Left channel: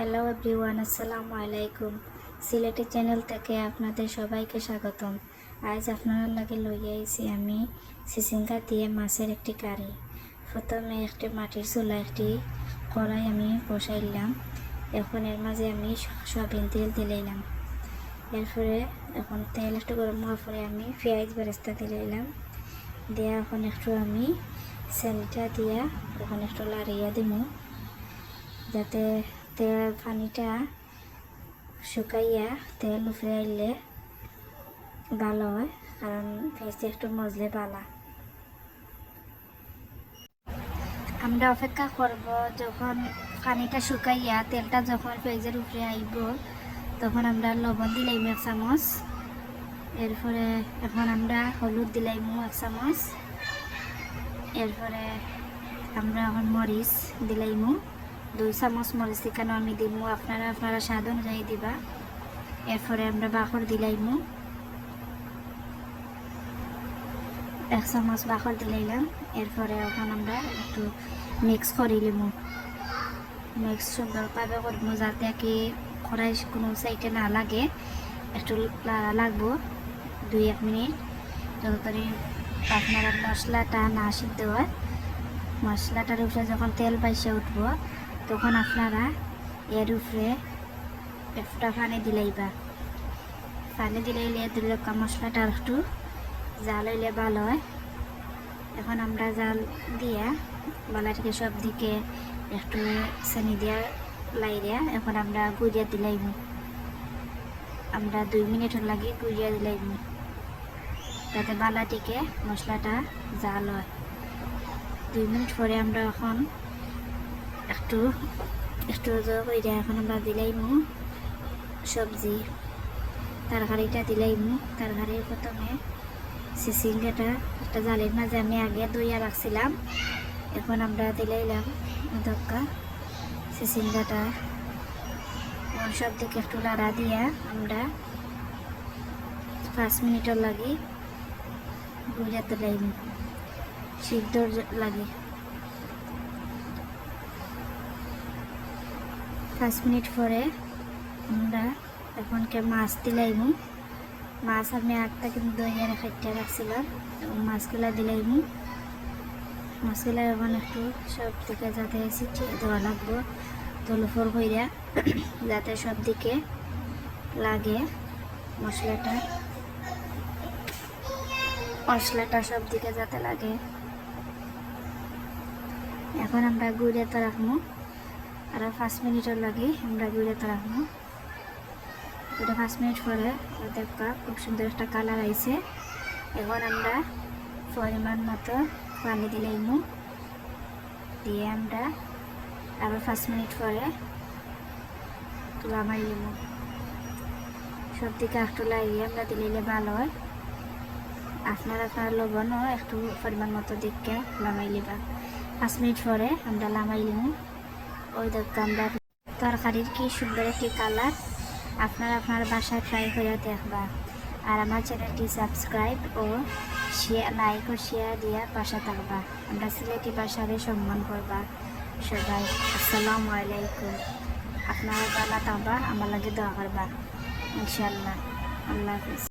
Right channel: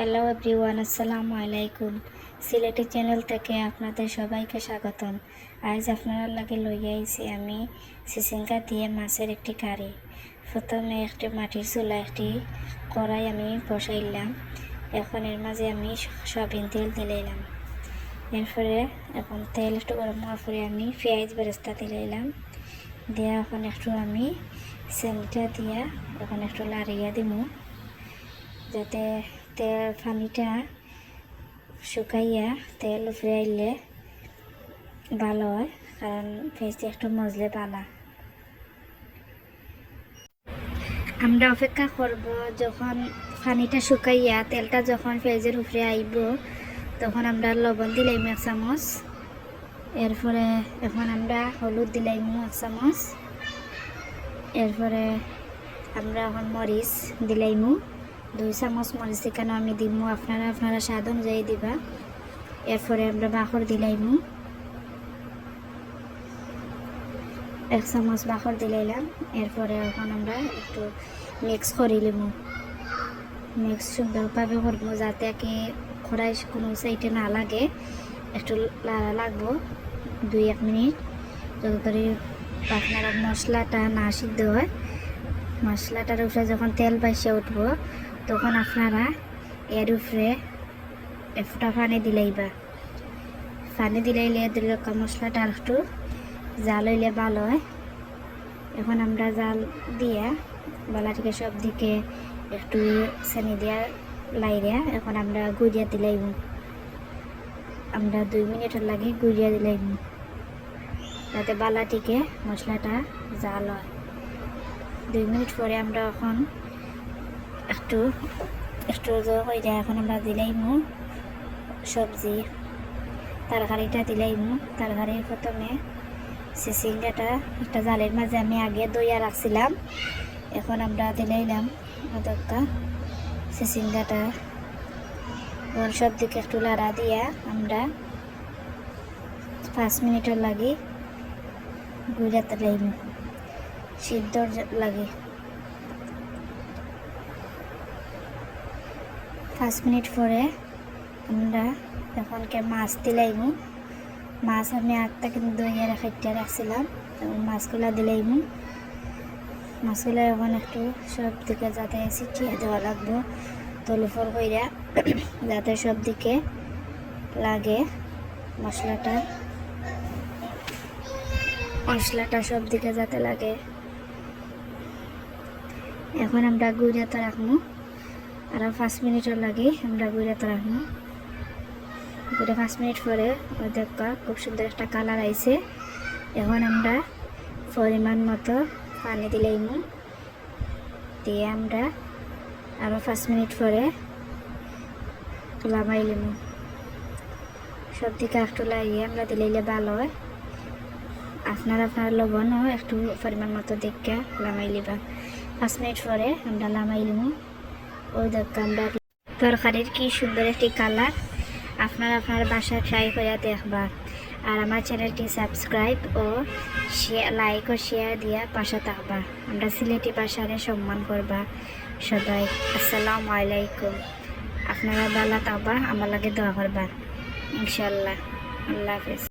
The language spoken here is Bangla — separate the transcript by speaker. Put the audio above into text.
Speaker 1: হ্যালো এভরিওয়ান আসসালামু আলাইকুম সিলেটি চ্যানেল থেকে আপনাদের সবাইকে স্বাগতম। আজ আপনারা লাগে লইয়া আইছি আমি সিসিঙ্গা দিয়ে মাছের একটি কারি। প্রথমে একটি মাটির চুলা, একটি কড়াই আমি বসাইলাম। এখন এর মাঝে আমি সয়াবিন তেল দিলাইলাম। এরপরে এখন তেল একটু গরম হওয়ার পরে আমি পেঁয়াজ বেরেস্তা দিলাইলাম। দিয়ে এখন একটু আমি সেলটা দিয়া এখন একটু লাড়িয়ে দিব যাতে পানিটা শুকাইয়া তেল উপরে আইলে ভালো হয়, কারণ পেঁয়াজটা একটু মজলে ভালা আমরা অপেক্ষা করব যখন পানিটা শুকাইয়া তেলটা যখন পেঁয়াজের উপরে আইব, তখন আমরা লবণ দিলাইম এক চামচ। এরপরে এখন আমরা হলুদ দিলাইম এক চামচ। এরপরে আমরা এখন মরিচ দিলাইমু। দুই চামচ মরিচ চিকেনও আমি দিমু। আপনারা আপনারা স্বাদ অনুযায়ী দিবা। এরপরে আমরা বাখর দিলাইমু। এক চামচ বাখর দিলাইলাম। এরপরে এখন আমরা একটু মিক্স করে লিমু। মিক্স সুন্দরভাবে করব যাতে কি কড়াই কোনো সাইডে না লাগে একটু লাগবো। দুই, এক মিনিট। যতটারি আপনারা মশলাটা না সিদ্ধ হয় মশলাটার উপরে যখন তেল বাইসে উঠবো তখন আপনারা এর উপরে একটা পানি দিলাইবা পানি দিলাইলে দিলে মশলাটা একটু জাল হইলে ভালো হয়। এখন আমরা জাল দিয়া বালাটিকে সব দিকে একটু সানি দিয়া লাইরিয়া এখন আমরা গুড়িয়া দিলাইব আমরা দুই মিনিটের লাগে গুড়িয়া দিলাইব যাতে বালাটিকে মশলাটা জাল হয়। দুই মিনিট পরে আমরা এখন একটু একটু হইয়া এখন আমরা দিলাইমু সবজি। তরকারিটা দিলাইমু তরকারির প্রথমে সিসিংটাটা একটা জালের মাঝে আমি আগে দইয়া রাখছিলাম। এখন আমরা দিলাইলাম দক্কা সিসিংটাটা। সব দিকে একটু লাড়া দিয়া আমরা পাঁচ মিনিটের লাগে গুড়াতে লাইমু সিদ্ধর লাগে। পাঁচ মিনিট পরে আমরা এখনকে মাছ দিলাইমু। মাছ আমি আটটা কিন্তু দইয়ে রাখাইতে রাখছিলাম মাছগুলো দিলাইমু। মাছগুলো এখন একটু সব দিকে যাতে ছিটিয়ে দেওয়া লাগবো, তলফল কইরা, যাতে সব দিকে লাগে মশলাটা। মশলাটা সব দিকে যাতে লাগে। এখন আমরা গুড়িয়াতে রাখব। আরও পাঁচ মিনিটের লাগে, আমরা গুড়িয়াতে রাখব। গুড়ে পাঁচ মিনিট পরে দেখা খুব সুন্দর একটা কালার আইছে। এখন আমরা পরিমাণ মতো পানি দিলাইমু দিয়ে আমরা আরও পাঁচ মিনিট পরে তুলা মাইলিমু সব দিকে একটু লাগিয়ে আমরা দিলাইলে ভালো হয়। আপনার আপনার লবণও একটু পরিমাণ মতো দেখে লামাই নিবা। পাঁচ মিনিট পরে আমরা লামাই লিমু। ওই দেখতে আমরা তরকারির কি সুন্দর একটি কালার আপনার আপনার বাসায় ট্রাই করে দেখবা আর আমার চ্যানেলটি সাবস্ক্রাইব ও লাইক ও শেয়ার দিয়ে পাশে থাকবা আমরা সিলেটি ভাষারে সম্মান করবা। সবাই, আসসালামু আলাইকুম। আপনারা বালা থাকবা, আমার লাগে দোয়া করবা। ইনশাল্লাহ, আল্লাহ হাফিজ।